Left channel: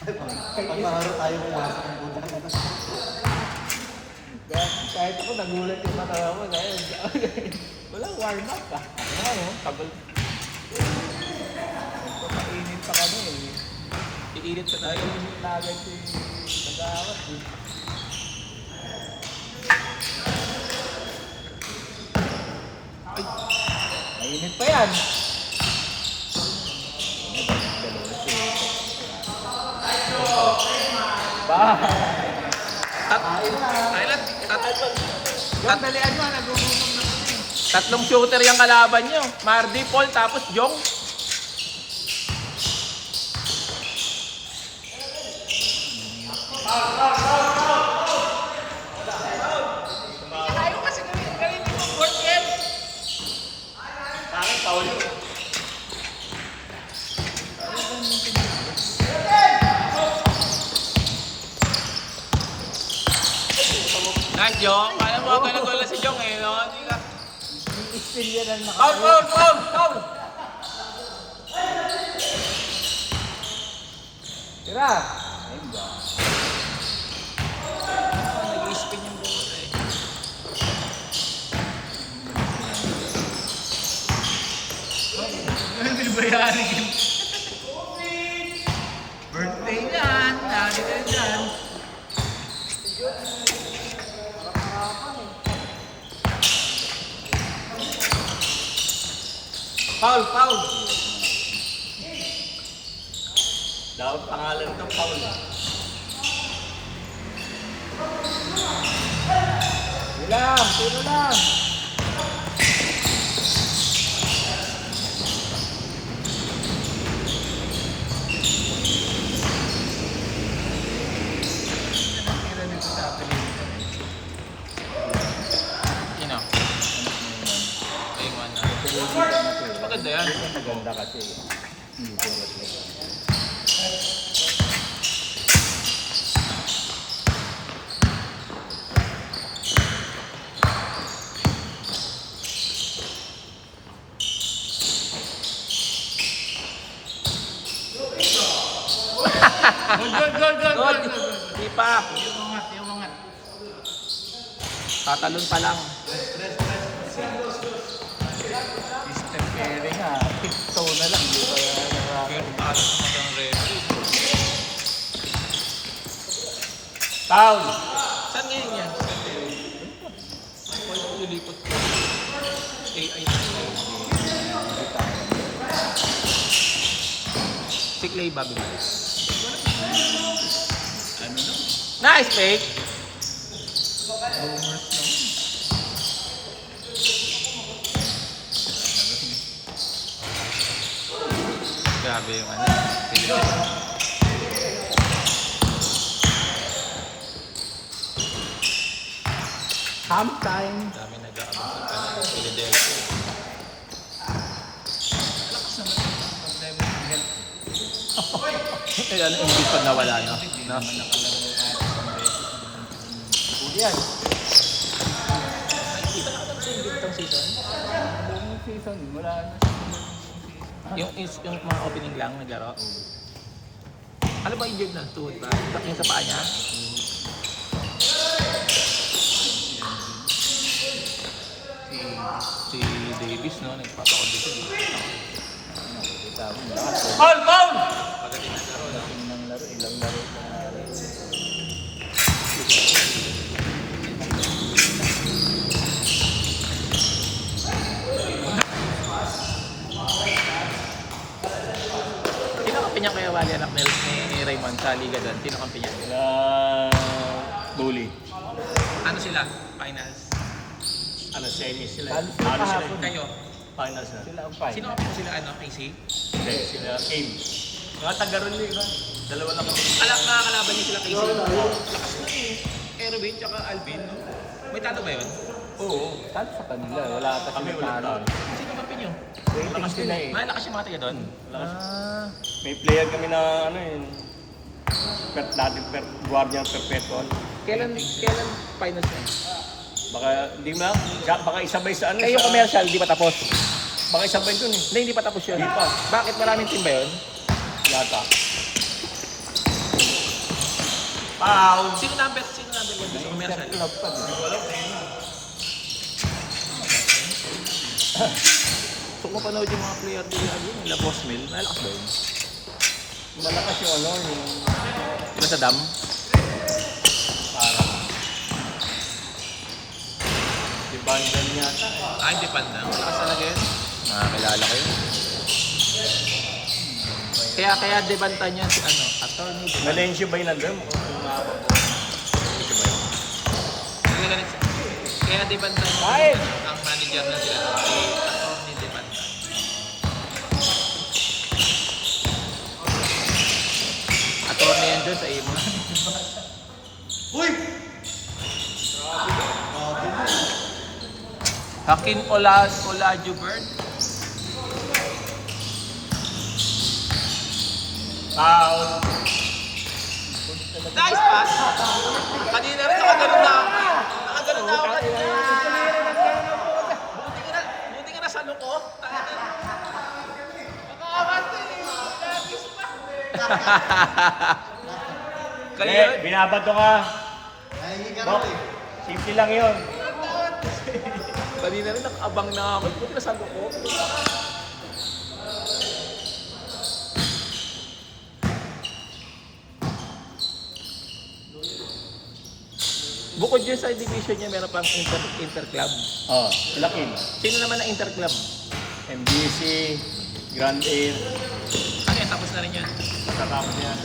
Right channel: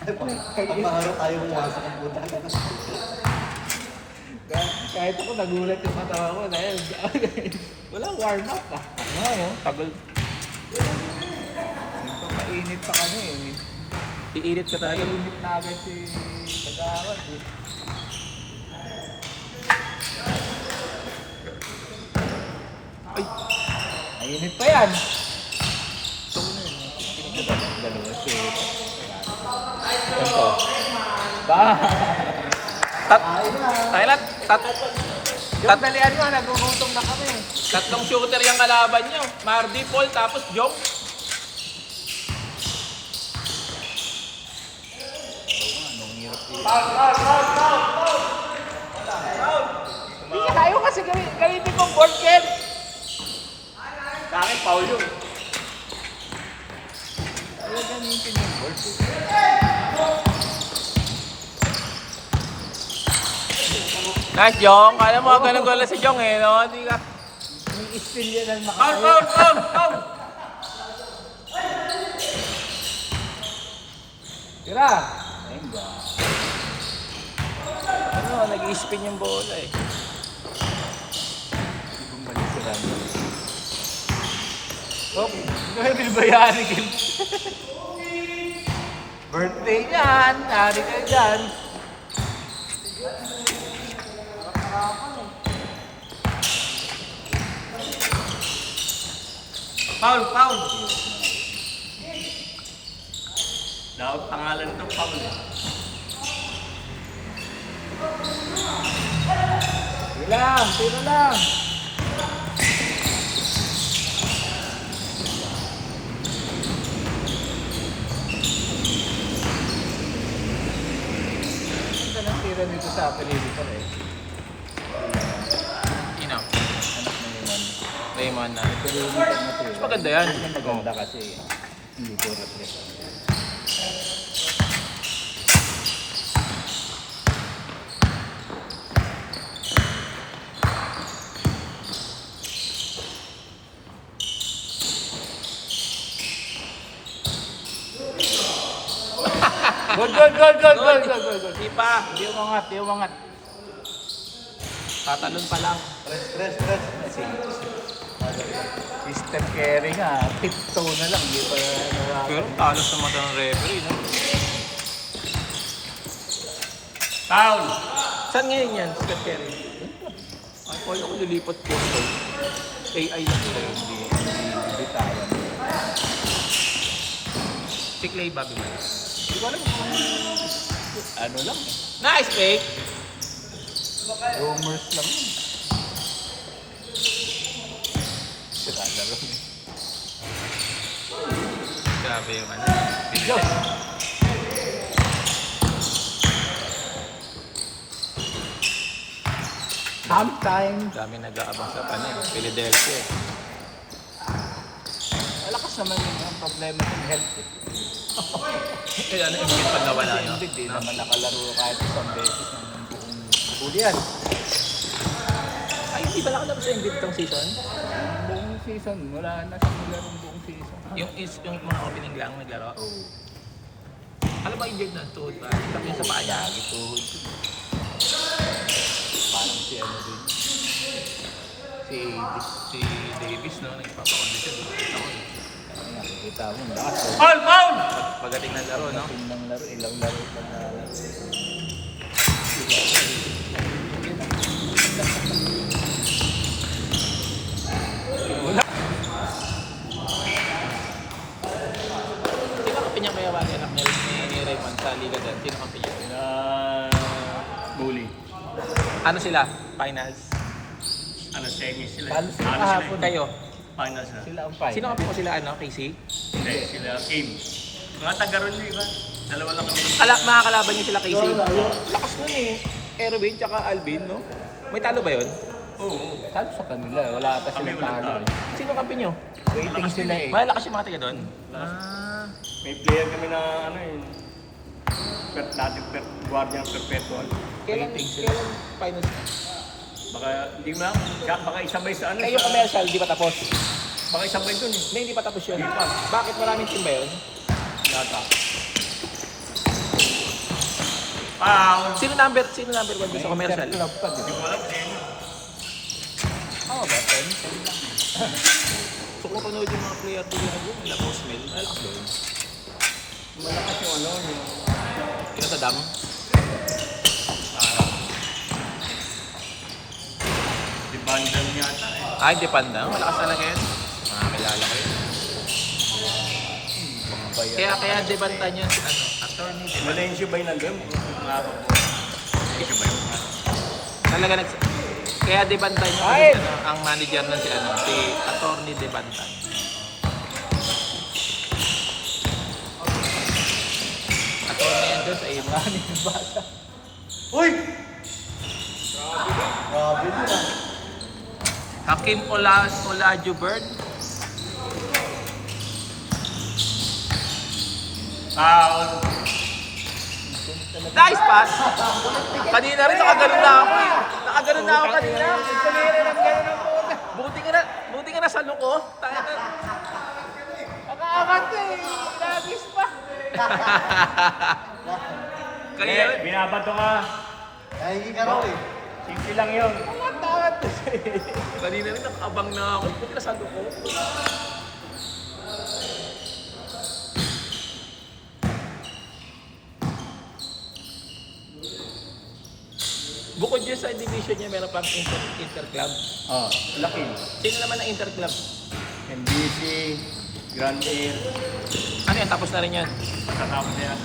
Pagkaharap tayo ng wasak ng puta. Kahit ako nagulat yung matawa ko dahil wala warm up ah. Wala yun. Tagal. Mainit pa kami eh. Iinit ka talaga. Ayun na agad si Kagawad eh. Mainit pa yan. Talian nyo, nagmumutong na kami. Tatlong shooter yung kalaban nyo. Mardy, Paul, tapos Jong. Hindi ka tayo kasi kanina pong ball game. Bakit, Paul? Nice, Jong. Alam mo, ganun gola si Jong eh, no? Hindi ka... I-spill yan ang Foul! Tira! Nag-i-spin yung bola eh. Hindi ba yan? Birthday yan! Tari ka dyan! Harap-harapan eh. Foul! Dapat pangalan ito, foul. Tira lang! Ito na tira dito sa Pilipinas eh. Ina. Layman na. Maganda yan. Maganda kasi. Hindi ko rin. Gol! Di pa. Iwangat. Tatalon pa lang. Mr. Kerry nga, tiptoe na lang. Pero talos naman ng referee, no? Foul! Saan ngayon yan? Ako nilipot ko. AI yan. Si Clay Bagley. Ano lang? Nice take! Rumors lang. Grabe yung ano. Sometime. Dami nag-aabang sa kanil. Philadelphia. Malakas naman yung pag-level ng health. Yan ang hindi pag nawala, no? Hindi naman nakalaro kahit isang beses. Huli yan. Hindi ba lang naman sa Ingrid itong season? Buong season, wala na siguro buong season. Yung mga opening lang naglaro? Ano ba injured na? Tuhod ba? Taking sa paa na? Tuhod. Parang si ano din. Si Davis, no? Nagpapakod siya. Dito ako. Kita mo. Foul! Magaling na gano'n, no? Ilang laro pa na. Sino kampi niya kaya wali anak ni Raymond sa Liga doon? Sino kampi niya? Bully. Ano sila? Finals? Ano, semi sila. Ano sila? Kayo? Finals na. Sila ang final. Sino kampi mo sila? Ano? PC? Hindi, sila Abe. Mga taga-ron yun, iba. Dalawa lang kami. Alak na kalaban niyo sila PC. Lakas mo eh. Erwin tsaka Alvin, no? May talo ba yun? Oo. Talo sa kanila. Wala ata Kami sila wala talo. talo. Sino kampi niyo? Waiting sila eh. Malakas yung mga taga doon? Ah. May player kami na ano yun. Guardian Perpetual. Kailan finals? Baka hindi baka isabay sa ano. Eh, yung commercial, di pa tapos? Baka isabay dun eh. Hindi pa tapos yun. Hindi pa. Bakit maraming team ba yun? Yata. Foul. Sino number 1 sa commercial? Hindi ko alam. So kung panood yung mga player doon yung Boss Will, malakas ba yun? Malakas yung ano, yung... Yung sa dam? Yung bandal yata eh. Ah, Japan na. Malakas talaga yun. Ah, kilala ko yun. Kaya debanta niya si ano, attorney. Valencia ba yung nandun? Valencia ba yun? Talaga kaya debanta niya ang manager niya si ano, si attorney debanta. Attorney yun doon sa iba. Uy! Hakim Olajuwon. Foul. Nice pass! Kanina rin nakaganon na ako. Nakaganon na ako kanina. Buti ka na sa luko. Nakaangat ka eh. Nakagis pa. Kaya, binabato ka. Simple lang yun. Kanina rin nakabang na ako. Buti na sa luko. Bukod dyan sa division niya, meron pang interclub. Oh, laki. Sino naman ang interclub? MBC, Grand Air, Ano yan? Tapos na rin yan. matatapos yan.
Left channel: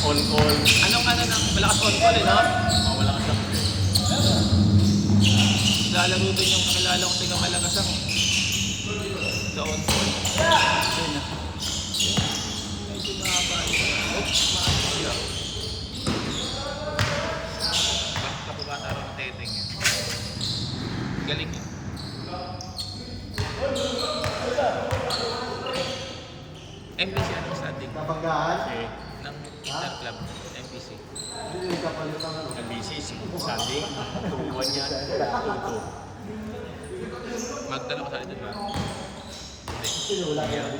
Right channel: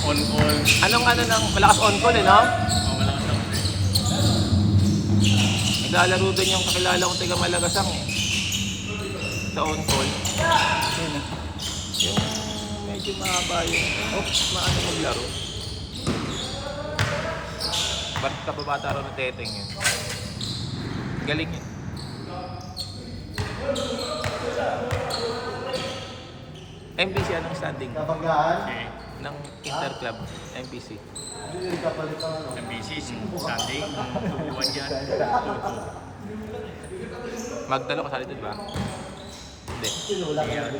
On-all. Anong ano ng malakas on-call eh, no? Oh, malakas tapos eh. Naglalaro din yung kakilala kong taga Malagasang eh. Sa on-call. Medyo mahaba yun. Oops, mahaba lang. Basta pabata rin ng teteng yun. Galing eh. MBC ano sa atin? Okay. Ng interclub. MBC. MBC, Sunday. Buwan yan. Magdalo ka sa atin ba? Ayan.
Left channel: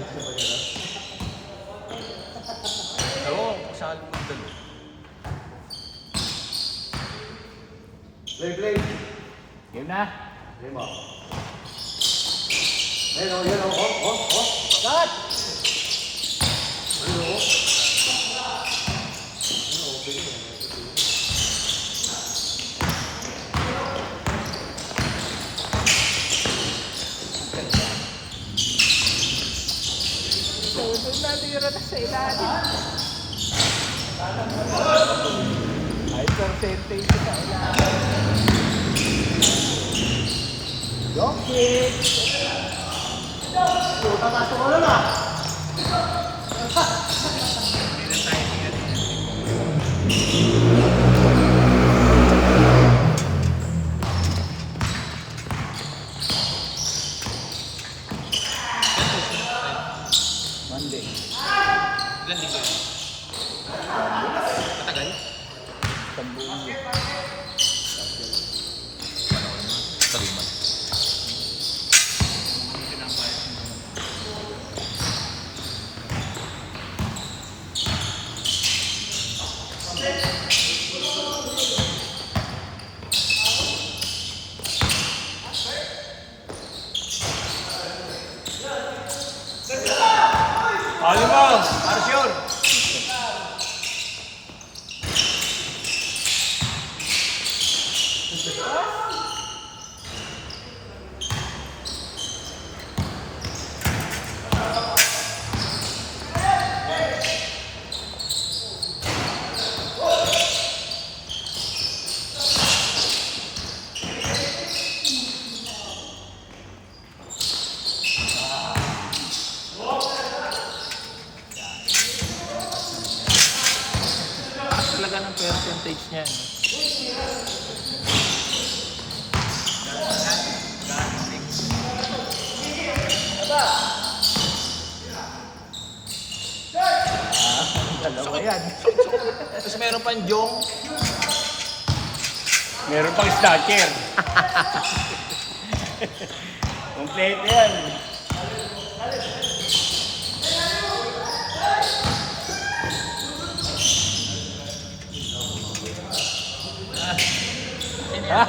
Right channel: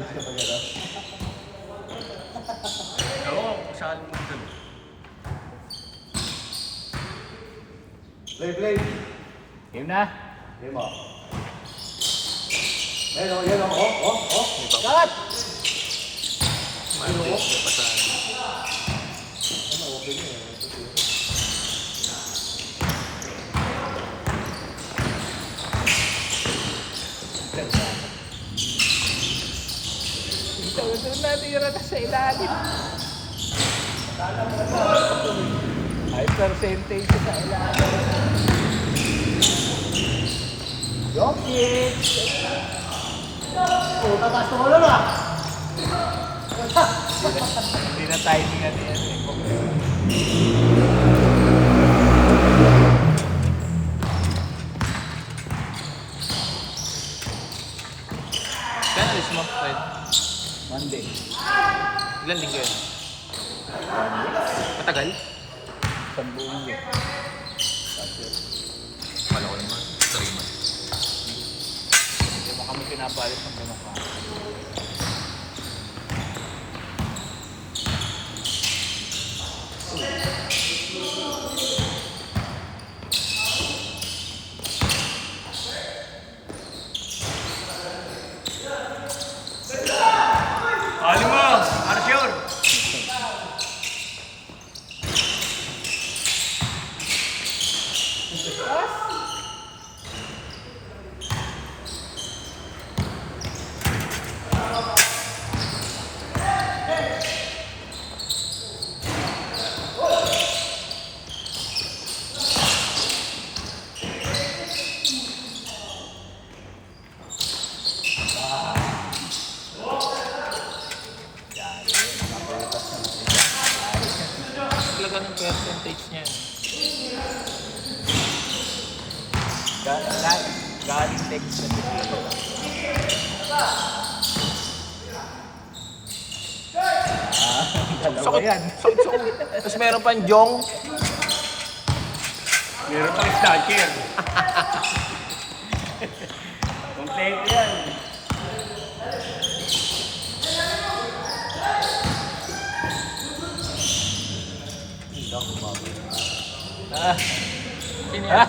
Oo, kasali mo doon. Play. Yun na. Cut! Doon na, tira na sa ilalim. Ay, percentage sa ilalim. Jokic! Hindi na tayo tingnan. Practice mo. Monday. Ilan linggo yun? Matagal? Isang buong yun. Kala ko naman. 3 months. Hindi mo kami pinabayos ng mga pa. Ano mo? Arsyon! Talaga ng percentage niya. God takes dalawa yan. Sakit. Tapos meron pang Jong. Meron pang stacker. Complete yan. yan.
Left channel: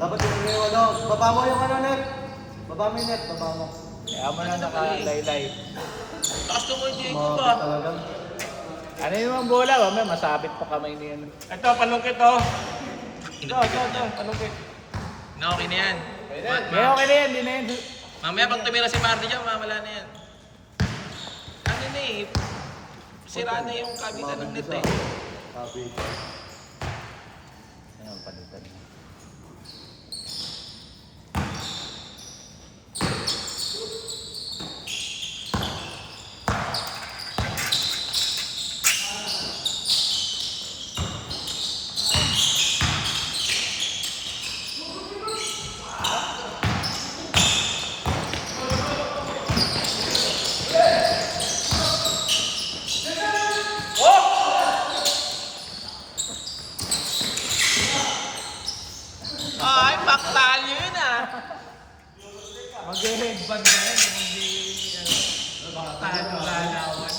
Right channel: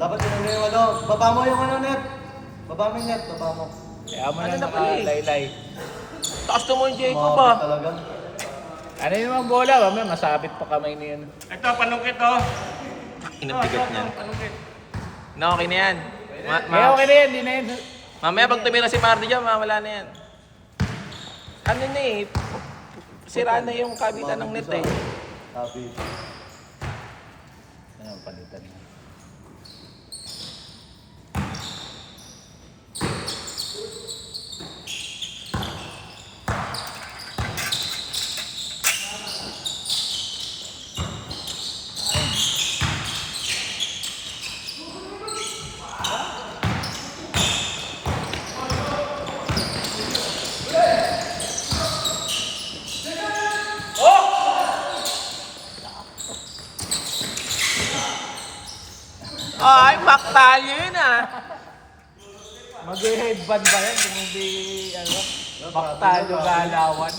Dapat yung ano, baba mo yung ano net. Baba mo yung net, baba mo. Kaya mo na nakalaylay. Taas mo yung Jacob Mga ba? talaga. Ano yung mga bola? Mamaya masabit pa kamay na yun. Ito, panungkit to. Ito, panungkit. Na, okay na yan. Kaya okay na yan, hindi na yan. Mamaya pag tumira si Marty dyan, mawala na yan. Ano na eh, sira na yung kabitan ng net eh. Sabi. Ano, palitan mo. Ay, paktal yun ah. Mag-headband ba yun? Kung hindi, ano, baktalo galawan.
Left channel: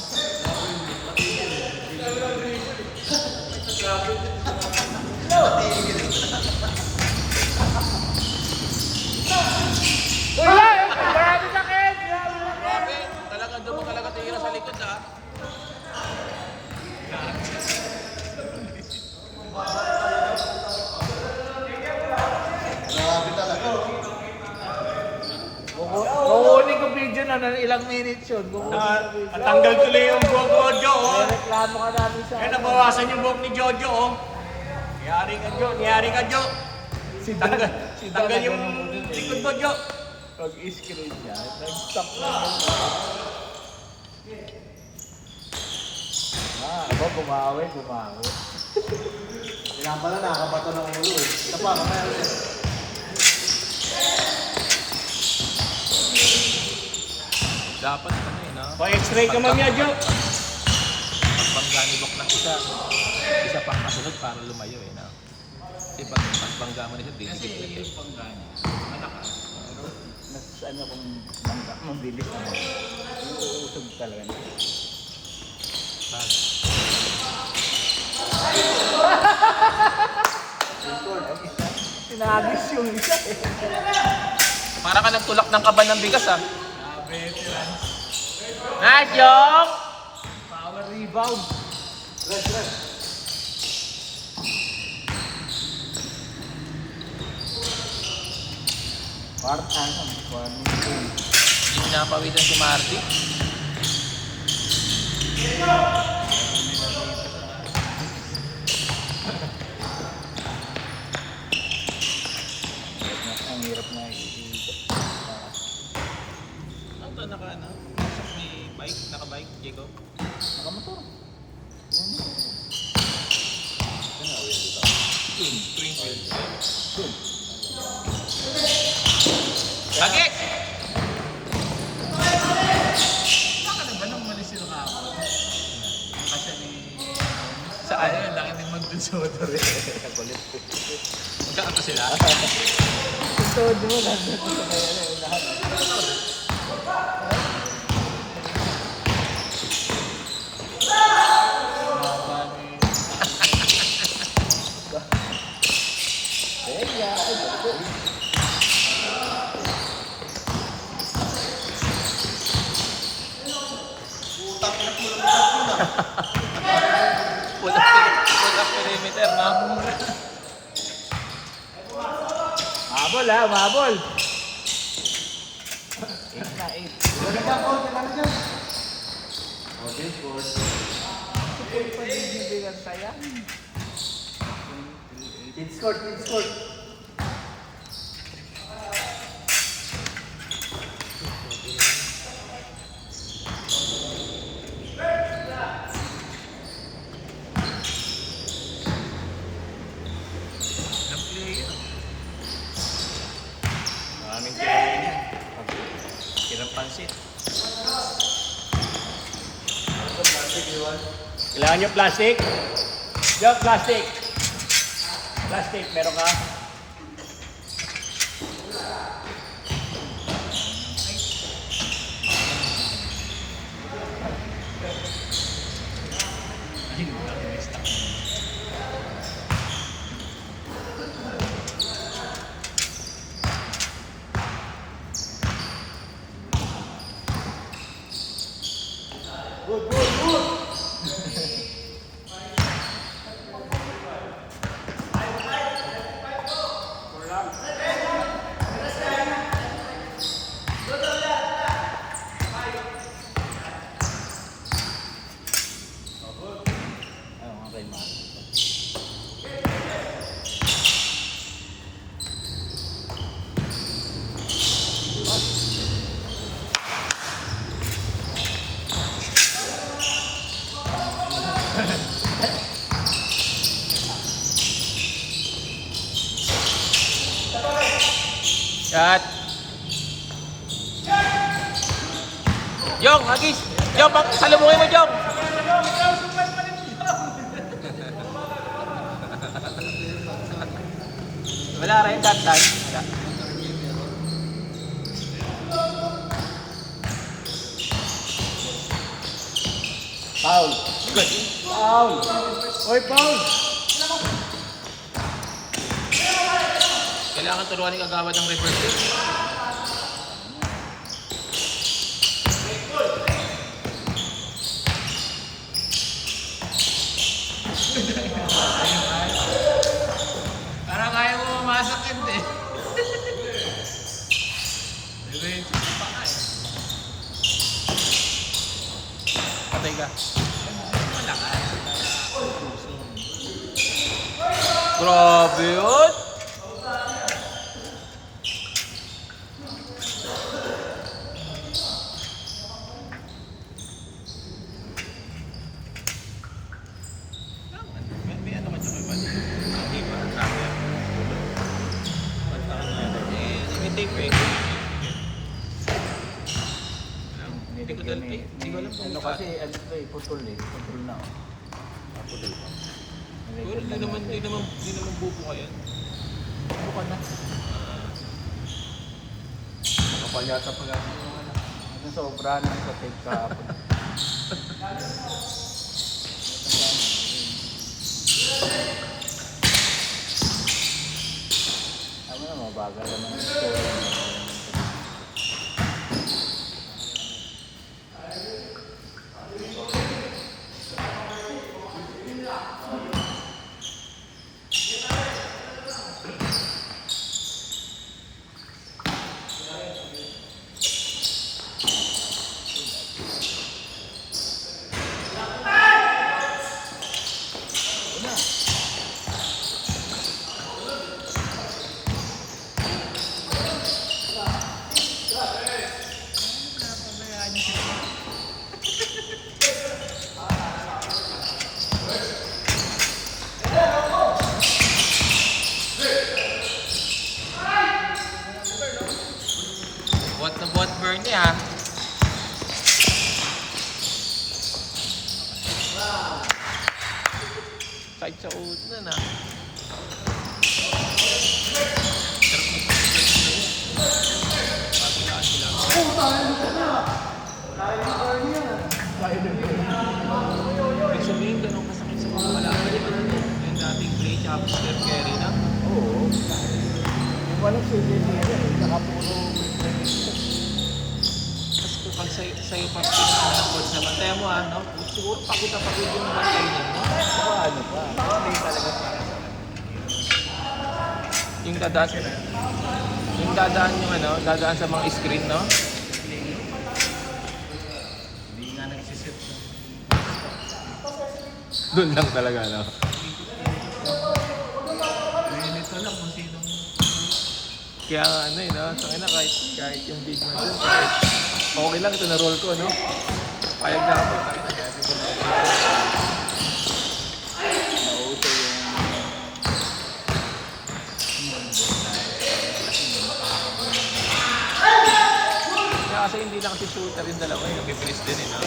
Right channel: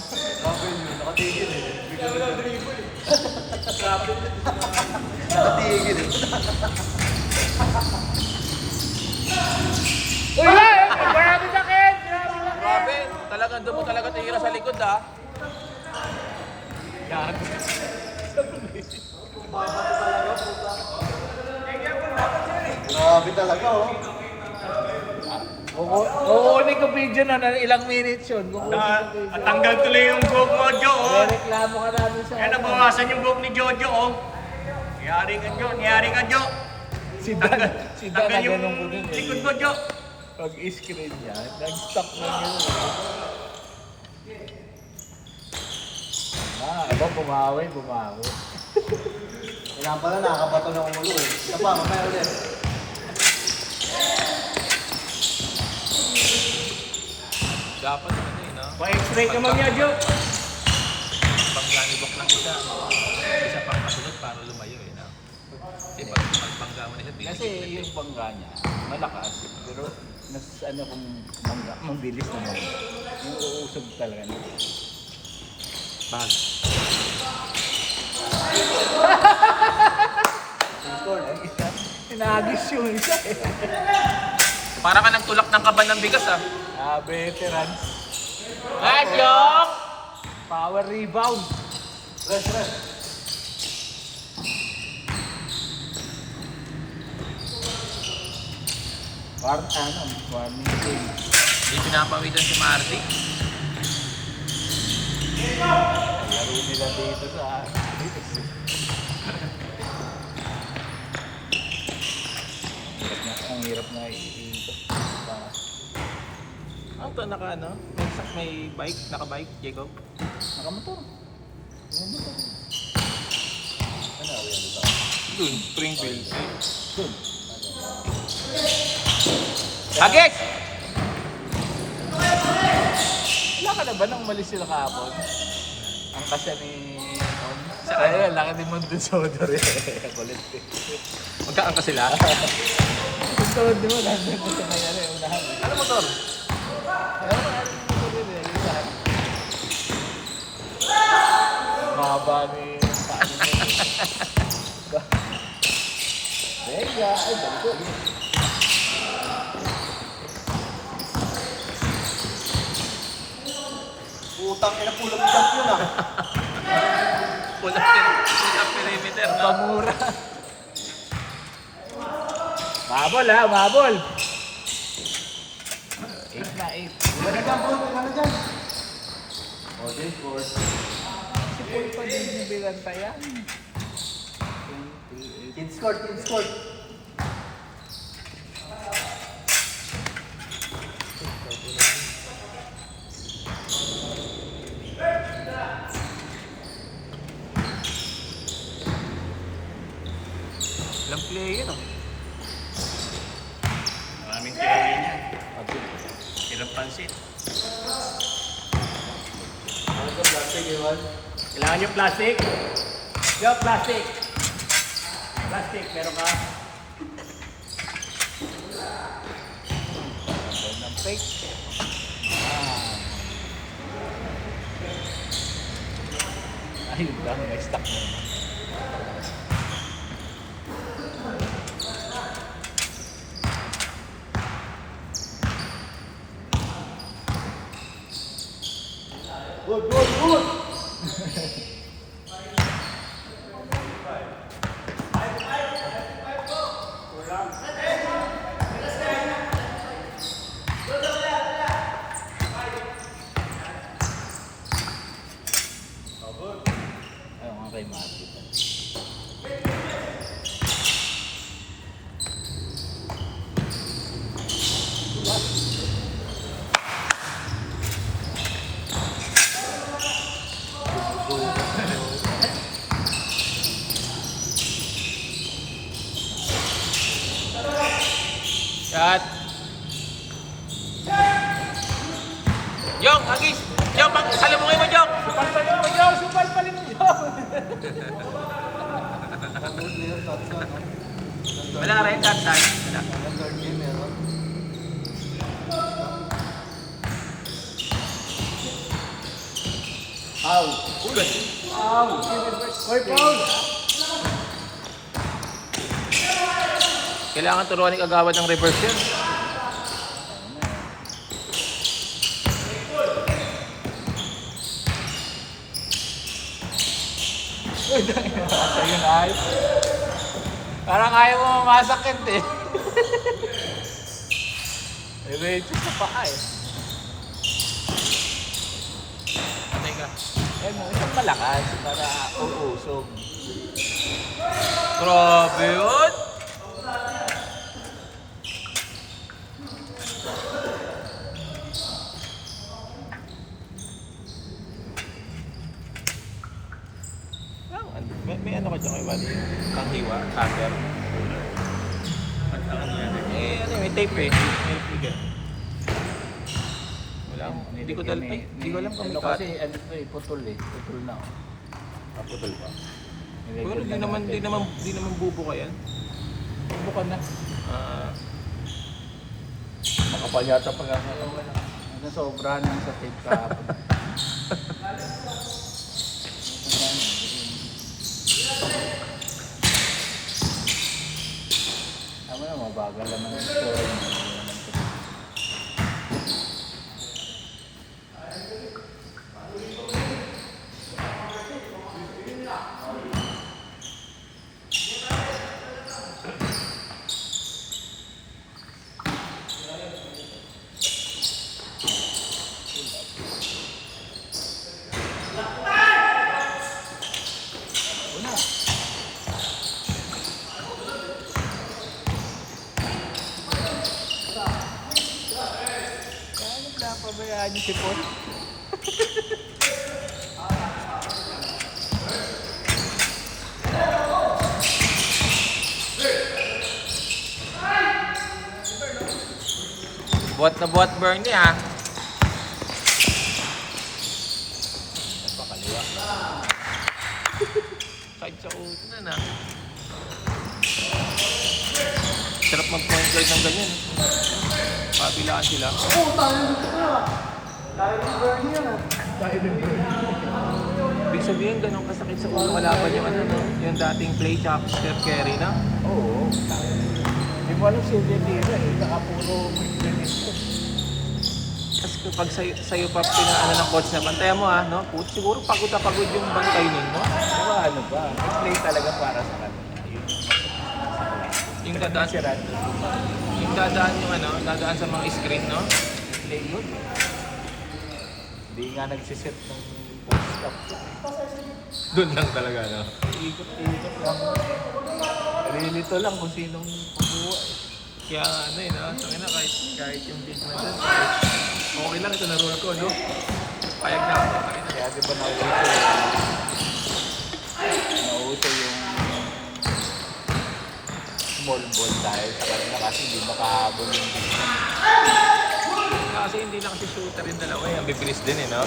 Wala! Grabe na Ken! Grabe, talagang doon mo talaga tira sa likod ah. Grabe talaga oh. Uuunin ko video na ilang minutes yun. Natanggal tuloy yung buhok ko, Jo. Oh. Reklamo ka namin sa... Eh, nabawasan yung buhok ni Jojo, oh. Niyari ka, Jo. Si Tanggal yung likod mo, Jo. Pag-screen niya, nag-stop na yun. Ito, bumawi. Kailangan pala nakakabato ng ulo eh. Ito pa, meron eh. Dapat yun ah. Pa-x-ray ka man niya, Jo. Pag nanilok ng isa, isa pang kasunod para lumayo eh. No? Kasi pag pagpangga mo nila, Kasi yung panggana, malakas. Mas ano kung bilis mo, yung uusog talaga. Sinagis yung isa eh. Para ka nagtulak ng kaban ng bigas ah. Veterans. Joke! Power rebound. Warning game. Hindi pinapawisan si Marty. Ang hirap na iikot. Ano to, ano? May bike, naka-bike, Jacob. Nakamotor. Twin wheels. Agik! Wala ka na ba nang umalis sila kahapon? Ang kasya ni... Saan? Ayun, laki ni Mondo Soda rin. Magkaan pa sila? Sunod mo, nandito sa may ano yung lahat. Mahaba na yun. Pull-up perimeter, no? Pamura. Mabol ha, mabol. 8 na 8. Okay, good. Pag-ibigan tayo. Kids court, kids court. Ilang player, oh. Maraming player yan. Ilang pansit. Kailangan nyo plastic? Jo, plastic. Plastic, meron ka? Ayun lang, stuck. Good, good, good. Ayun, kay Mark. Shot. Jong, Agis! Jong, salubungin mo, Jong! Wala rin, that time. Wala. Foul. Foul. Oy, foul. Kailangan turuan ni Kagawad ng reverse. Parang ayaw mo mamasakit eh. May pa ka eh. Okay ka. Ano pala ka? Para usog. Grabe yun! May ano ka sa may bali? Ang diba? Hagar. May tape eh. Wala. Hindi ko alam. Hindi ko alam kung may Kasi ano ito eh, putol eh. Putol na. Putol ka. Pero di naman bubo ka yan. Bukan na. Nakapanyata pa nga. Ano sobra na sa tape ka. Tama yung mabagal naman ito. Pabayaan niyo si Paul. Buat na buat Bernie ah. Kahit sa uto na. Sarap mag-translate ng ganyan. Matilaan sila. Oh, tayo dito na. Tayo ni Bernie yan. Ibig sabihin, ganun kasakit sa kung wala pa yung dating play top step carry na. Yung walang silindi yan eh. Tapos pag sa'yo pa pinakala ng coach naman, tayo mo ano, siguro pakita-pagod yung mga training mo. Ano ba? Play talaga para sa Yung dadaan yung dadaan yung ano, dadaan sa mga screen, no? play mo. Hindi nga nagsiset ng stop. Doon lang talaga, no? Nito lang kung sinong kumuha. Kaya nga ano yun, no? Sana kahit yung video mo. Okay lang, ito na-roll ko, no? Kaya ka ba? Kaya di ba nakita? Nakita yung small ball tayo. Kasi hindi makahabol ng Kasi hindi lang si shooter yung dalawa, eh. Abiblis din, eh, no?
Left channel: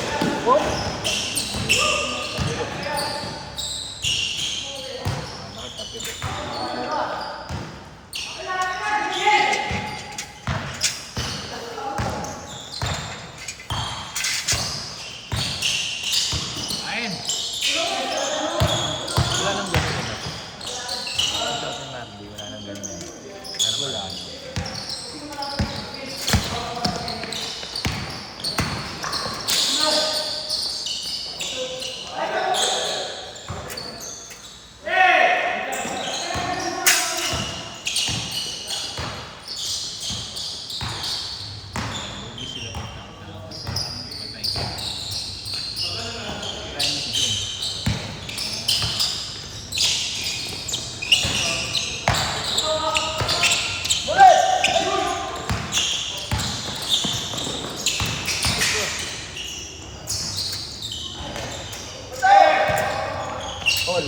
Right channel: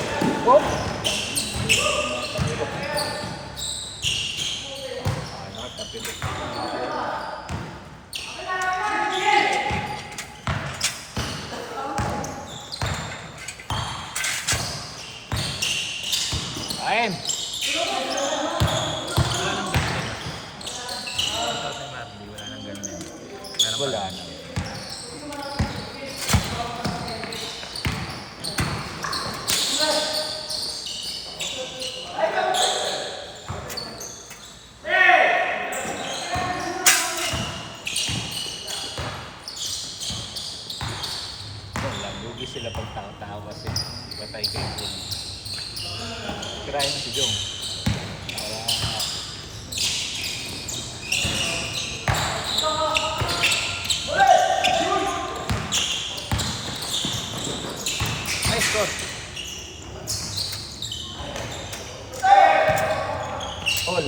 Ayun!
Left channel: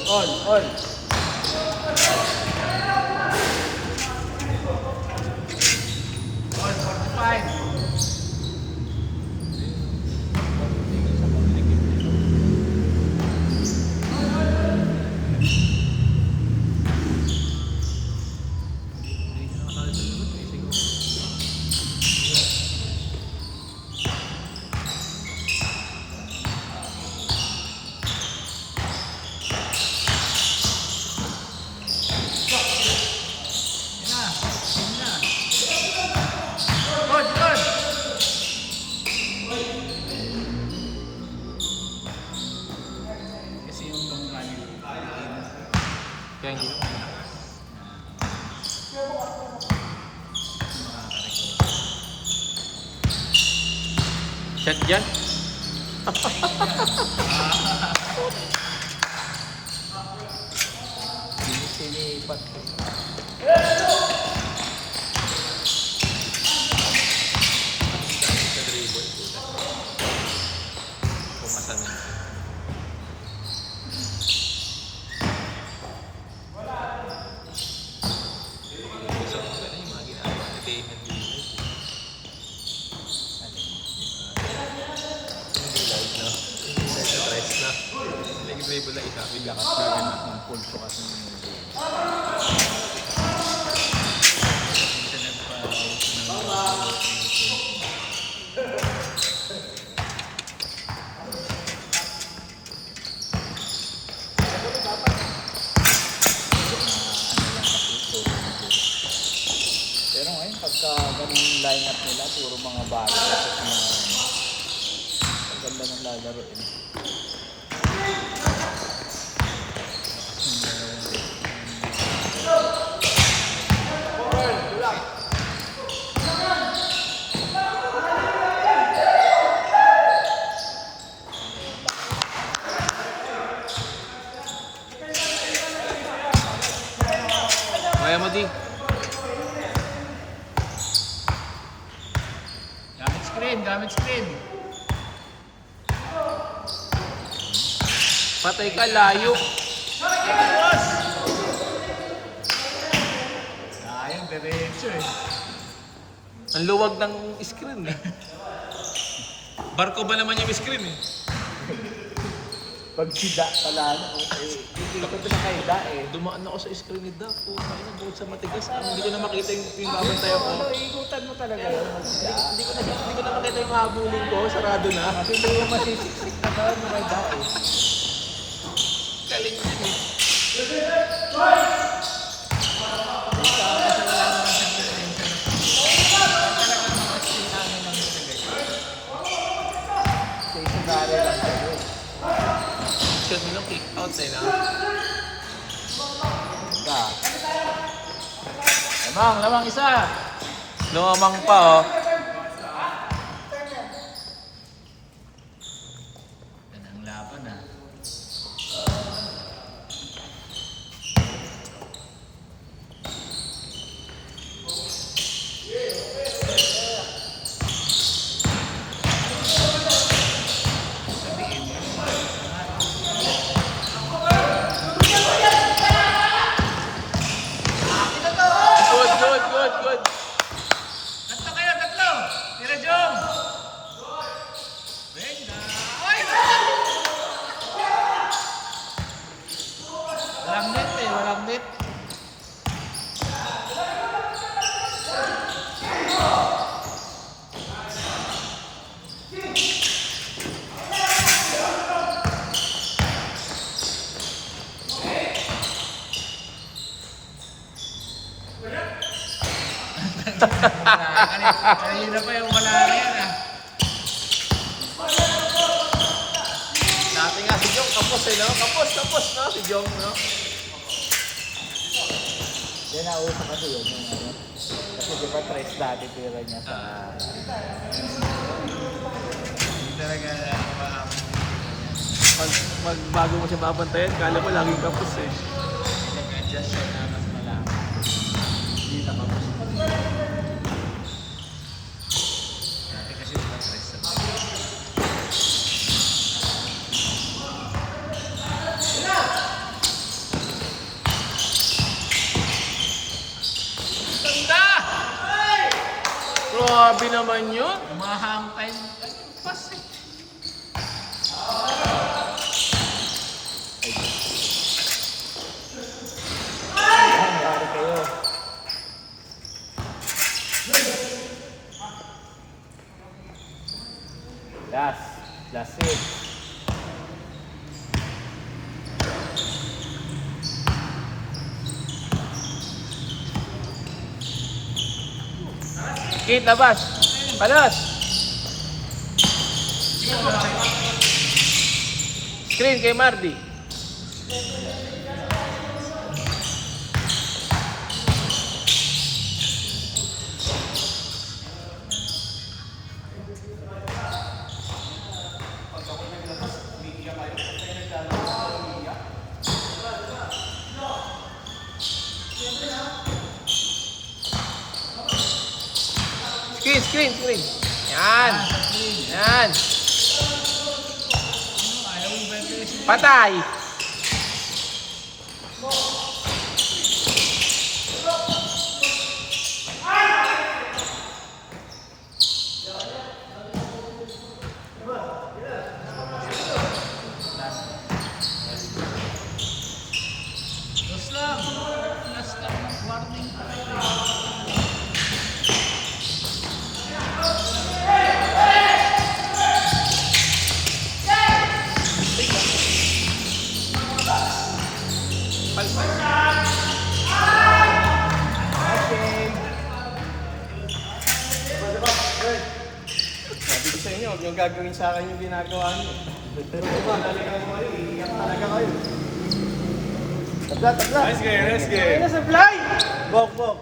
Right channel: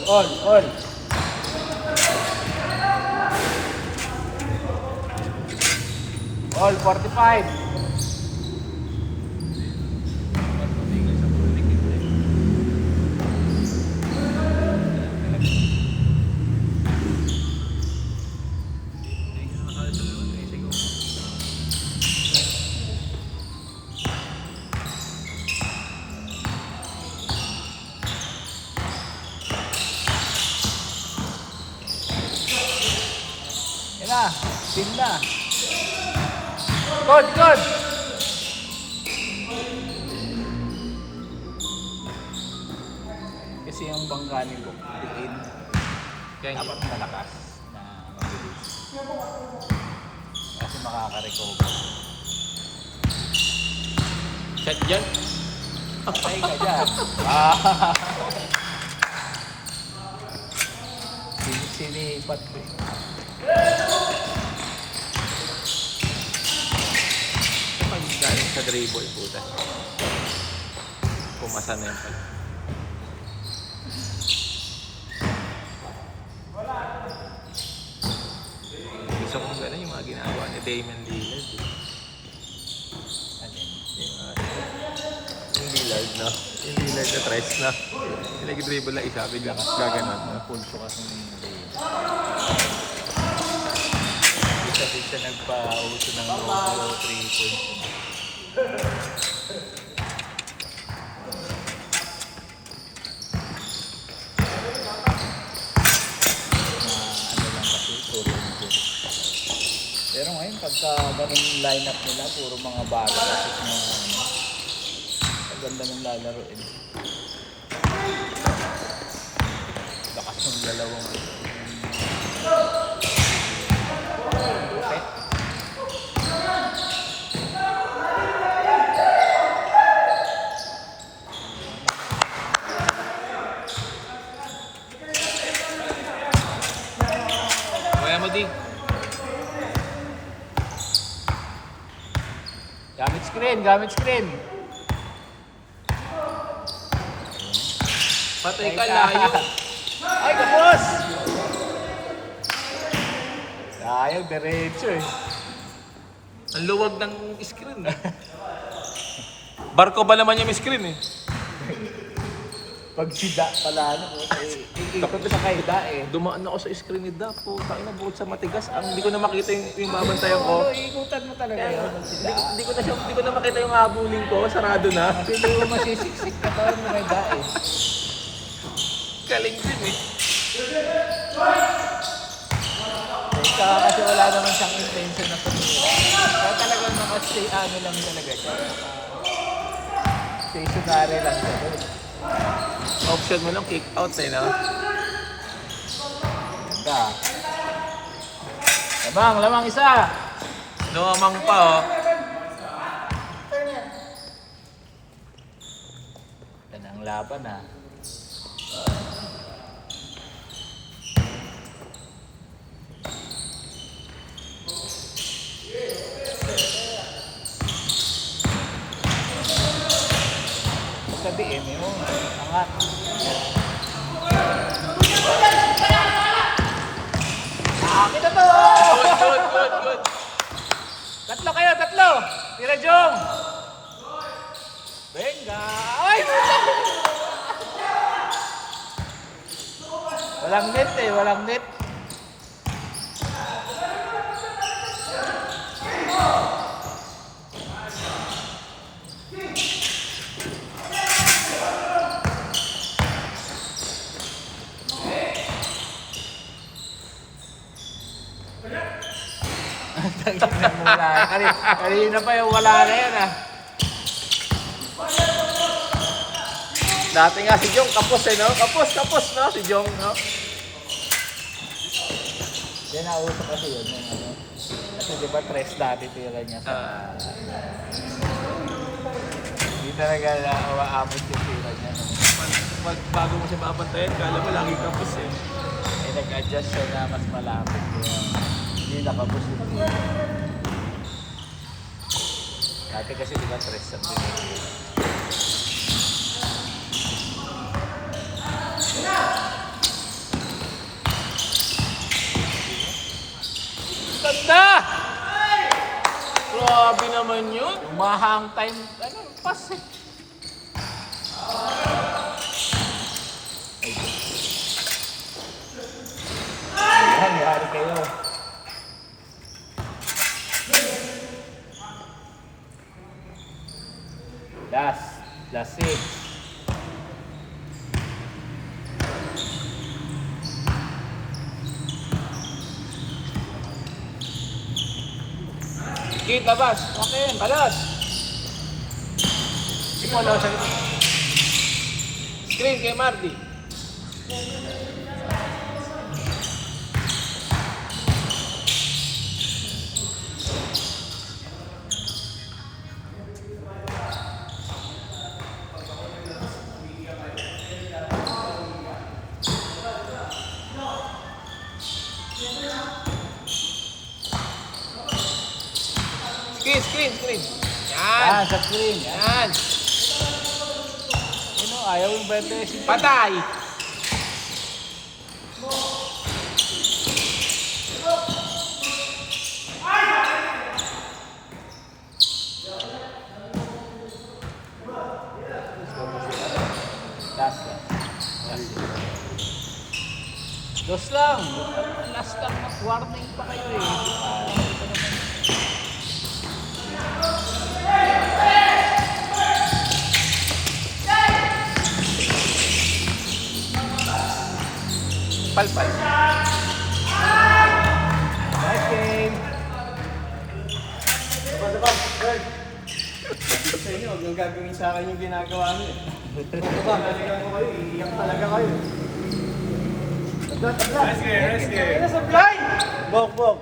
On. All 45. Yan na. Team na. Good. Kasi yung bangga nilo, Kaya hindi dapat malakas na kasi makaka-recover. shot dyan. Sinipat ko eh. Sa dribble. Kung masanay ka. Gusto ko gano'n yung mga ginagawa ni Damon dito. Hindi live na. Hindi nag-press na. Nag-dribble na isa. Biglang gano'n. Ang pulso kasi kasi siya nagpa-uso ng 3 points. Pero ngayon, pagka ganun lineup nila, puro mga bata. Ang ganda ng lalaro eh. Lakas ng dalawang Kaya mo, Di. Gamit screen. Patay ka, layo. Ayaw, diretso eh. Ang luwag ng screen. Barko ba naman yung screen eh? pag sida pala ano, kikita ko sa kaida eh. Dumaan ako sa screen ni Dak. Oh, kaya na buhat sa matigas. Hindi ko na makita yung tayo ko. Ikutan mo talaga yun. Hindi ko na makita yung habulin ko. Sarado na. Hindi mo masisiksik ka pa yung mga kaida eh. Galing din eh. Kasi wala naman siyang intention na pumira. Kaya talagang makastay ano lang talaga siya. Stationary lang siya. Option mo lang kick out eh, no? Lamang isa! Lumamang pa, oh. Yan ang laban ah. Sabihin mo, angat. Good. Tatlo kayo, tatlo! Tira Jong! Venga! Ay! Walang net eh, walang net. Kanina pa yung wala na yan ah. Dati nga si Jong, kapos eh, no? Kapos, no? Si Jong, no? Yan nauso kasi yun. Kasi di ba tres dati tira niya sa... Hindi talaga naawa-amot yung tira niya. Pag bago mo siya mapantayan, kala ko lagi kapos eh. Nag-adjust siya na mas malapit. Hindi nakabus. Dati kasi di ba tres sa tira. Mahang time, ano, pass eh. Ayan, marami kayo. Last six. Skate, labas. Balas. Ikaw lang sa'yo. Screen kay Mardy. Screen. Yan. Sa screen. Yan. Ano, ayaw yung birthday. Patay. Dos lang. Last time, warning pa kayo eh. Palpal. Next game. Sabi ko sa inyo, huwag yung gagawin sa akin yung ginagawa niyo. Bukuhan, talagang kayo, iiyak talaga kayo. Tabla. Nice game. Bok.